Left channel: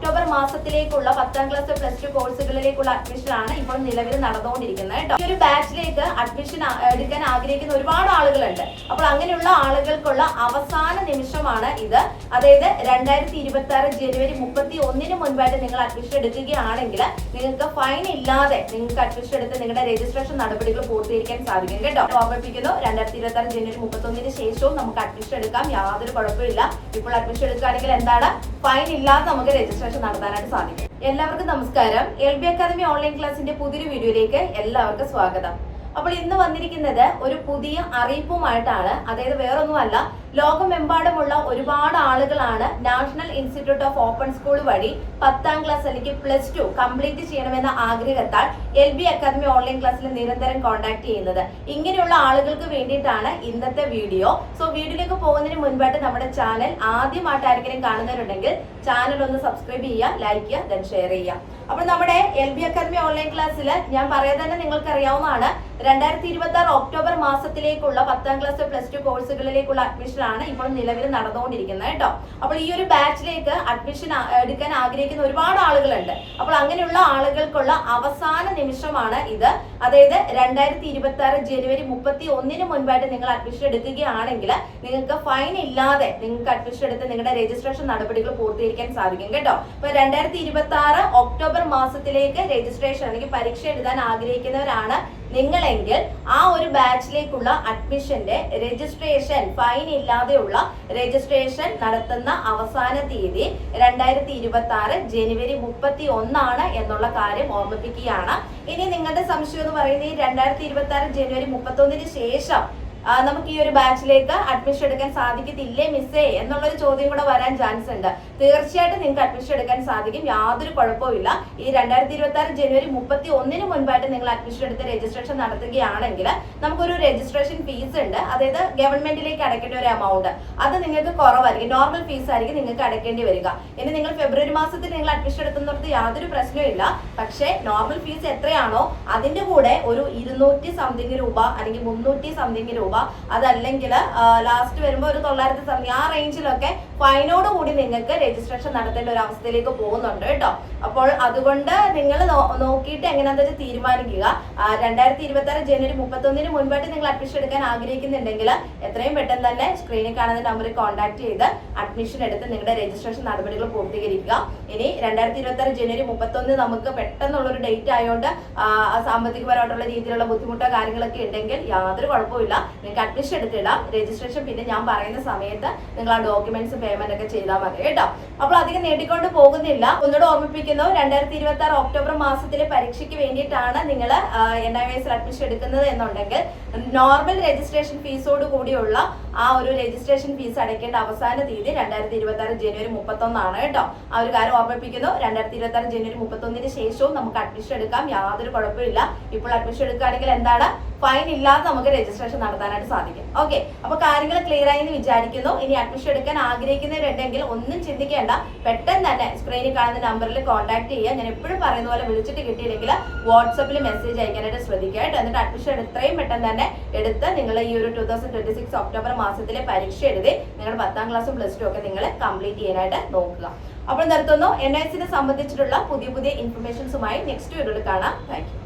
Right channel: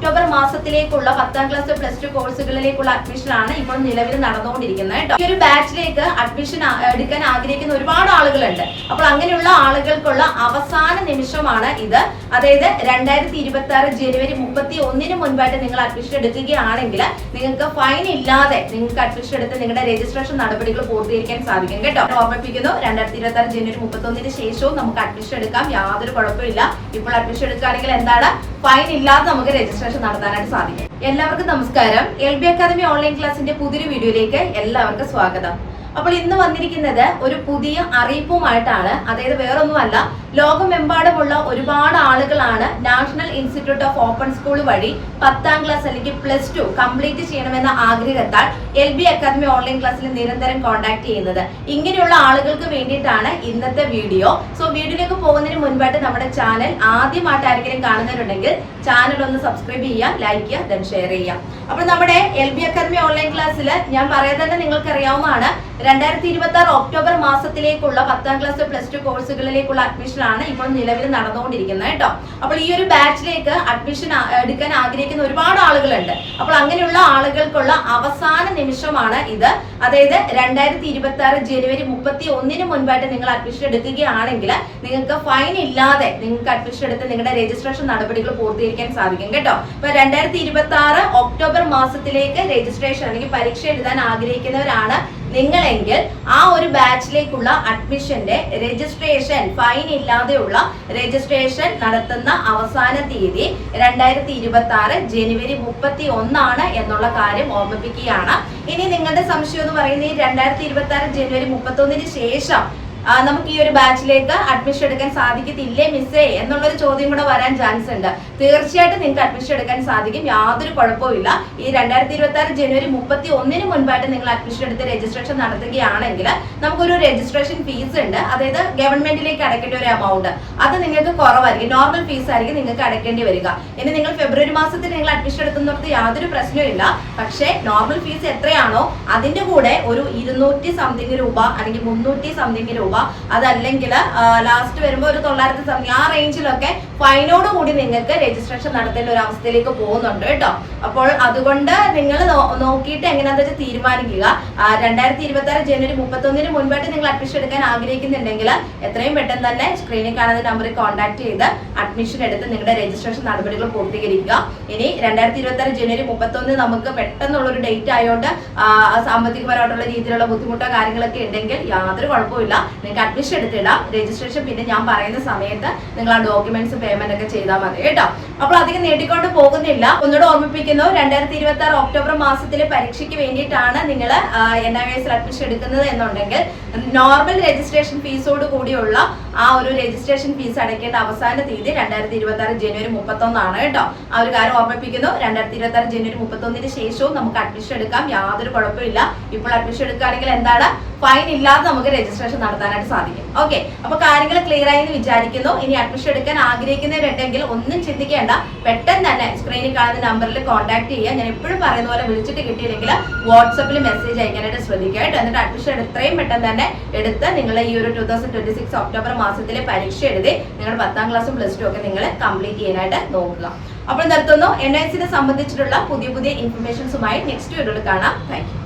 October മാസത്തിലേക്കുള്ള 10ാം class plus 2 കോഴ്സുകളിലേക്കുള്ള admission ആണ് ഇപ്പോൾ നിലവിൽ നടന്നുകൊണ്ടിരിക്കുന്നത് കേട്ടോ. ഈ ഒരു ബാച്ചിലേക്ക് അഡ്മിഷൻ എടുക്കാൻ ആഗ്രഹിക്കുന്ന ഒരുപാട് ആളുകളുണ്ട്. അപ്പോൾ അങ്ങനെയുള്ള ആളുകൾക്കുള്ള അവസാന നിമിഷമാണ് ഇത്. അതായത് 2026 ജനുവരി 31 മുൻപായിട്ട് നിങ്ങൾ അഡ്മിഷൻ എടുക്കുകയാണെങ്കിൽ നിങ്ങൾക്ക് ഫൈൻ ഇല്ലാതെ നിങ്ങൾക്ക് അഡ്മിഷൻ എടുത്ത് നിങ്ങളുടെ രജിസ്ട്രേഷൻ നടപടികൾ പൂർത്തീകരിക്കാൻ സാധിക്കും കേട്ടോ. ഓർമ്മിപ്പിക്കുന്നു, 2026 ജനുവരി 31 ശേഷവും നമുക്ക് അഡ്മിഷൻ എടുക്കാം, യാതൊരു കുഴപ്പമില്ല. ഇപ്പോൾ അഡ്മിഷൻ എടുക്കുകയാണെങ്കിൽ എന്താണ്, ഫൈൻ ഇല്ലാതെ നമുക്ക് രജിസ്ട്രേഷൻ നടത്താനായിട്ട് സാധിക്കും. എല്ലാവർക്കും നമസ്കാരം. LB അക്കാദമി ഓൺലൈൻ ക്ലാസിന്റെ പുതിയൊരു വീഡിയോയിലേക്ക് എല്ലാവർക്കും സ്വാഗതം. അപ്പോൾ ഇന്ന് വന്നിരിക്കുന്നത് ഒരു പുതിയ അറിയിപ്പുമായിട്ടാണ്. അതായത് വേറൊന്നുമല്ല, ലോകമെമ്പാടുമുള്ള ഒരുപാട് ആളുകളാണ് national institute of open school വഴി 10ാം ക്ലാസ് അല്ലെങ്കിൽ പ്ലസ് 2 കംപ്ലീറ്റ് ചെയ്യണമെന്ന ആഗ്രഹത്താൽ LB അക്കാദമി ഓൺലൈൻ ക്ലാസ്സിൽ നിരന്തരം കോൺടാക്ട് ചെയ്യുന്നത്. ഇങ്ങനെയുള്ള ആളുകൾക്ക് വേണ്ടിയിട്ടാണ് ഇന്നത്തെ വീഡിയോ. സോ വീഡിയോയിലേക്ക് പോകുന്നതിന് മുൻപായിട്ട് നമ്മുടെ ചാനൽ ആദ്യമായിട്ട് ആരെങ്കിലും കാണുന്നവരുണ്ടെങ്കിൽ ചാനൽ ഒന്ന് സബ്സ്ക്രൈബ് ചെയ്യുക, ലൈക്ക് ചെയ്യുക, ദെൻ ഷെയർ ചെയ്യുക. അപ്പോൾ നമ്മുടെ LB അക്കാദമി ഓൺലൈൻ ക്ലാസ്സിൽ ഞാൻ പറയുന്നത് തന്നെ നിങ്ങൾക്ക് അറിയാവുന്നതാണ്, 2026 ഒക്ടോബർ മാസത്തിലേക്കുള്ള 10ാം ക്ലാസ് പ്ലസ് 2 കോഴ്സുകളിലേക്കുള്ള അഡ്മിഷൻ ആണ് ഇപ്പോൾ നിലവിൽ നടന്നുകൊണ്ടിരിക്കുന്നത് കേട്ടോ. അപ്പോൾ ഈ ഒരു ബാച്ചിലേക്ക് അഡ്മിഷൻ എടുക്കാൻ ആഗ്രഹിക്കുന്ന ഒരുപാട് ആളുകളുണ്ട്. അപ്പോൾ അങ്ങനെയുള്ള ആളുകൾക്കുള്ള അവസാന നിമിഷമാണ് ഇത്. അതായത് 2026 ജനുവരി 31 മുൻപായിട്ട് നിങ്ങൾ അഡ്മിഷൻ എടുക്കുകയാണെങ്കിൽ നിങ്ങൾക്ക് ഫൈൻ ഇല്ലാതെ നിങ്ങൾക്ക് അഡ്മിഷൻ എടുത്ത് നിങ്ങളുടെ രജിസ്ട്രേഷൻ നടപടികൾ പൂർത്തീകരിക്കാൻ സാധിക്കും കേട്ടോ. അപ്പൊ 2026 ഒക്ടോബർ മാസത്തിലേക്ക് രജിസ്ട്രേഷൻ അല്ലെങ്കിൽ പരീക്ഷ എഴുതാൻ ആഗ്രഹിക്കുന്നവരാണ് നിങ്ങളെങ്കിൽ ആ ഒരു ബാച്ചിലേക്കുള്ള അഡ്മിഷന്റെ രജിസ്ട്രേഷൻ ഫൈൻ ഇല്ലാതെയുള്ള രജിസ്ട്രേഷൻ നടത്തുന്ന അവസാന തീയതി 2026 ജനുവരി 31 എന്നുള്ള കാര്യം ഓർമ്മിപ്പിക്കുകയാണ്. ഇനി നിങ്ങളുടെ സംശയം എന്ന് പറയുന്നത്, 2026 ജനുവരി 31 ശേഷം നമുക്ക് ഈ ഒരു ബാച്ചിലേക്ക് അഡ്മിഷൻ എടുക്കാൻ സാധിക്കത്തില്ലേ മിസ്സേ എന്നുള്ളൊരു ചോദ്യം കൂടെ വരാൻ ചാൻസ് ഉണ്ട്. തീർച്ചയായിട്ടും നിങ്ങൾക്ക് അഡ്മിഷൻ എടുക്കാൻ സാധിക്കും, യാതൊരു കുഴപ്പമില്ല. ഈ 2026 ജനുവരി 31 മുൻപായിട്ട് നിങ്ങൾ അഡ്മിഷൻ എടുത്ത് രജിസ്ട്രേഷൻ നടത്തുകയാണെങ്കിൽ നമുക്കൊരു രജിസ്ട്രേഷൻ ഫീസ് ഉണ്ട്. അതായത് ഗവൺമെന്റിലേക്ക് അടയ്ക്കേണ്ട ഒരു എമൗണ്ട്, അത് നിങ്ങൾക്ക് കുറവായിരിക്കും, നോർമൽ ഫീസ് ആയിരിക്കും നിങ്ങൾക്ക് അടയ്ക്കേണ്ടി വരിക. ഇനി നിങ്ങൾ ഫെബ്രുവരി മാസത്തിൽ നിങ്ങൾ അഡ്മിഷൻ എടുക്കുന്നിടത്ത് യാതൊരു പ്രശ്നമില്ല. പക്ഷേ നോർമൽ ഫീസ് എത്രയാണോ അതിന്റെ കൂടെ ഒരു 200 സംതിങ് രൂപ അല്ലെങ്കിൽ 300 സംതിങ് രൂപ, അതല്ലെങ്കിൽ ലാസ്റ്റ് വരുമ്പോൾ ഒരു 900 സംതിങ്, ആ റേഞ്ചിലൊക്കെ ഫൈനോട് കൂടി നിങ്ങൾക്ക് രജിസ്ട്രേഷൻ നടത്തേണ്ട ഒരു അവസ്ഥയിലേക്ക് പോകുന്നുണ്ട് കേട്ടോ. അപ്പോൾ അതുകൊണ്ട് നിങ്ങൾ നോക്കിയിട്ട് എങ്ങനെയാണെന്ന് വെച്ചാൽ തീരുമാനിക്കുക. 2026 ജനുവരി 31 മുൻപായിട്ട് നിങ്ങൾ അഡ്മിഷൻ എടുക്കാൻ ആഗ്രഹിക്കുന്നുണ്ടെങ്കിൽ എത്രയും പെട്ടെന്ന് തന്നെ സ്ക്രീനിൽ കാണുന്ന നമ്പറിൽ കോൺടാക്ട് ചെയ്ത് അഡ്മിഷൻ എടുത്ത് നിങ്ങളുടെ രജിസ്ട്രേഷൻ നടപടികൾ പൂർത്തീകരിക്കുക. ഇനി 2026 ജനുവരി 31 നമുക്ക് പെട്ടെന്നുള്ളൊരു ഡേറ്റ് ആയതുകൊണ്ട് സാമ്പത്തികപരമായിട്ടുള്ള രീതിയിലുള്ള ബുദ്ധിമുട്ടോ കാര്യങ്ങളൊക്കെ ഉണ്ടെങ്കിൽ യാതൊരു കുഴപ്പമില്ല, നിങ്ങൾക്ക് അഡ്മിഷൻ എടുത്തിടാം. രജിസ്ട്രേഷൻ പിന്നെ ഞാൻ പറയുന്ന സമയത്ത് നിങ്ങൾ ആ ഡോക്യുമെന്റ്സ് പേയ്മെന്റ് ഒക്കെ ചെയ്താൽ മതി കേട്ടോ. അപ്പോൾ അധികം നീട്ടിക്കൊണ്ട് പോകുന്നില്ല. ഒന്നുകൂടെ ഓർമ്മിപ്പിക്കുന്നു, 2026 ഒക്ടോബർ മാസത്തിലെ പരീക്ഷയ്ക്ക് വേണ്ടിയിട്ടാണ് നിങ്ങൾ NIVS അഡ്മിഷൻ എടുക്കുന്നത് എന്നുണ്ടെങ്കിൽ നോർമൽ രജിസ്ട്രേഷൻ ഫീസോട് കൂടിയുള്ള ആ ഒരു രജിസ്ട്രേഷൻ ഫീസ് അടയ്ക്കേണ്ട അവസാന തീയതി 2026 ജനുവരി 31 കേട്ടോ. ആ ഒരു കാര്യം ഓർമ്മിപ്പിക്കുന്നു. 2026 ജനുവരി 31 ശേഷവും നമുക്ക് അഡ്മിഷൻ എടുക്കാം, യാതൊരു കുഴപ്പമില്ല. ഇപ്പോൾ അഡ്മിഷൻ എടുക്കുകയാണെങ്കിൽ എന്താണ്, ഫൈൻ ഇല്ലാതെ നമുക്ക് രജിസ്ട്രേഷൻ നടത്താനായിട്ട് സാധിക്കും. ഓക്കെ, അപ്പൊ കാര്യങ്ങൾ ക്ലിയർ ആയി എന്ന് വിചാരിക്കുന്നു. ഇനി അഡ്മിഷൻ എടുക്കാൻ ആഗ്രഹിക്കുന്നവരുണ്ടെങ്കിൽ ഒന്നും ചിന്തിക്കേണ്ട, പെട്ടെന്ന് തന്നെ സ്ക്രീനിൽ കാണുന്ന നമ്പറിൽ കോൺടാക്ട് ചെയ്യുക. ഞാൻ എപ്പോഴും പറയുന്ന പോലെ വിളിച്ചിട്ട് കിട്ടിയില്ലെങ്കിൽ വാട്സപ്പിൽ മെസ്സേജ് അയക്കാനായിട്ട് ശ്രദ്ധിക്കുക കേട്ടോ. എന്നിട്ട് അഡ്മിഷൻ എത്രയും പെട്ടെന്ന് തന്നെ എടുത്ത് നിങ്ങൾ ഈ ഒരു 2026 ഒക്ടോബർ മാസത്തിലെ പരീക്ഷ എഴുതി നിങ്ങൾ 10ാം ക്ലാസ്സും പ്ലസ് 2 ഒക്കെ നിങ്ങൾ കംപ്ലീറ്റ് ചെയ്യാനായിട്ട് നോക്കുക. അപ്പോൾ നിർത്തുന്നു. NIVS സംബന്ധിച്ചിട്ടുള്ള പുതിയ ഇൻഫർമേഷൻസുമായി നെക്സ്റ്റ് വീഡിയോയിൽ കാണാം. Thank you.